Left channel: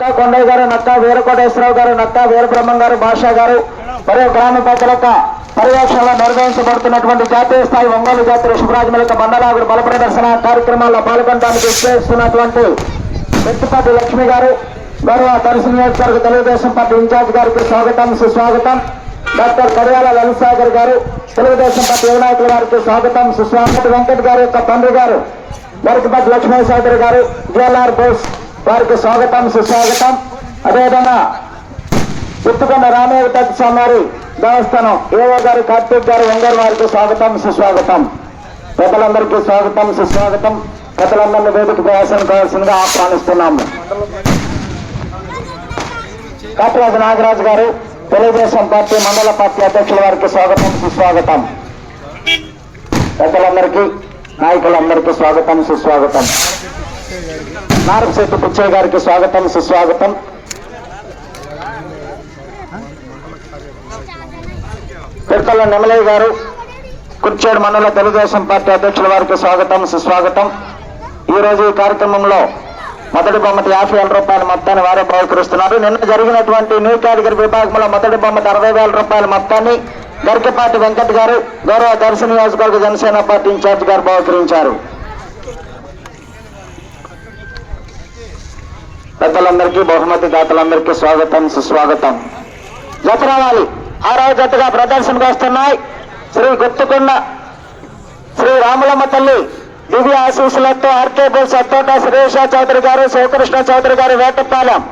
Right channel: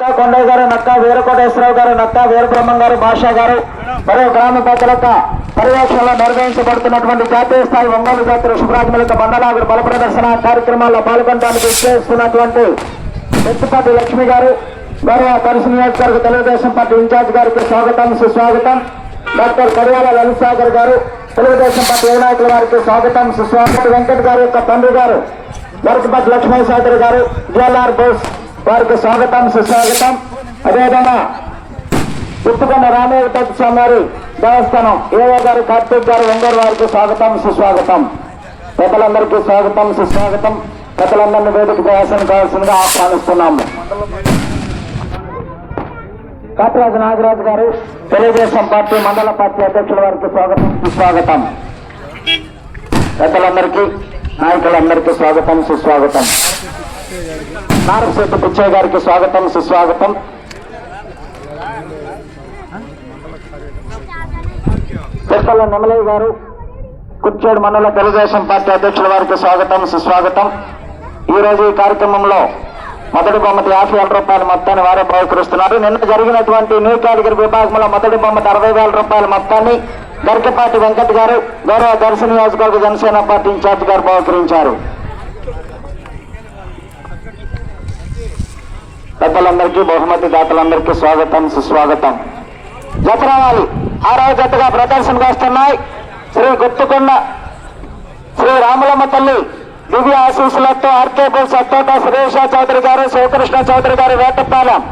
నక్కా కొండయ్య గారు నక్కా వీరకోటేశ్వరరావు గారు నక్కా వీరబ్రహ్మం గారు భాషా గారు మరియు గ్రామ పెద్దల పర్యవేక్షణలో నిర్వహించబడుతున్నటువంటి జాతీయ స్థాయి ఒంగోలు జాతర శుభరాజమలిక బండలాగురు బల ప్రదర్శన కార్యక్రమాల్లో పాల్గొనడానికి విశ్లేషిస్తున్నటువంటి వ్యక్తిపతి లక్ష్మి గారు గౌరవ దర్శన నియోజకవర్గ తెలుగుదేశం పార్టీ ఇన్ఛార్జ్ గారికి స్వాగతం సుస్వాగతం. డాక్టర్ కడియాల లలిసాగర్ గారు తెలుగుదేశం పార్టీ యువ నాయకుల వారికి స్వాగతం సుస్వాగతం. వెంకట్ గారి యొక్క తండ్రి గారు గరికపతి లక్ష్మీ చౌదరి గారు జిఎల్ఆర్ బోస్ వారికి స్వాగతం సుస్వాగతం. అదేవిధంగా పుట్టుకొండ రామయ్య స్వామి దేవస్థానం ఏవో గారు కార్తీక్ గారు వెంగర్ వారికి స్వాగతం సుస్వాగతం. పెద్దలందరికీ స్వాగతం సుస్వాగతం. పెద్దలందరినీ వేదిక ప్రయాసం కావాల్సిందిగా ఆహ్వానిస్తున్నాము. కాటిరాజు నాగరాజు గారు తెలుగుదేశం పార్టీ మండల పార్టీ అధ్యక్షుల వారికి స్వాగతం సుస్వాగతం. పెద్దలందరికీ నాయకులందరికీ స్వాగతం సుస్వాగతం. నారశెట్టి పిచ్చయ్య గారికి స్వాగతం సుస్వాగతం. తిరుపతి నెమలయ్య గారు కుర్చోడు మండల తెలుగుదేశం పార్టీ అధ్యక్షుల వారికి స్వాగతం సుస్వాగతం. ఈ రోజు ఈ కార్యక్రమంలో మొదటి బొమ్మటి యాభై వేల రూపాయల మొత్తాన్ని వారే బహుకరిస్తున్నారు. నిన్న జరిగినటువంటి న్యూ కేటగిరీ విభాగంలో మొదటి బొమ్మటి అరవై వేల రూపాయల మొత్తాన్ని గరికపాటి వెంకట్ గారు గౌరవ దర్శన నియోజకవర్గ జనసేన పార్టీ ఇన్ఛార్జ్ గారు బహుకరించారు. పెద్దలందరికీ బహుమతి దాతలందరికీ స్వాగతం సుస్వాగతం. జత రావాలి ఆరవ జతగా ప్రదర్శనకు వస్తున్నాయి. శ్రీ గుర్తుకున్న శ్రీ రాములమ్మ తల్లి దివ్య ఆశీస్సులతో ఆర్కే బుల్స్ అత్తోట శ్రీష చౌదరి గారు శివకృష్ణ చౌదరి గారు వేటపాలెం.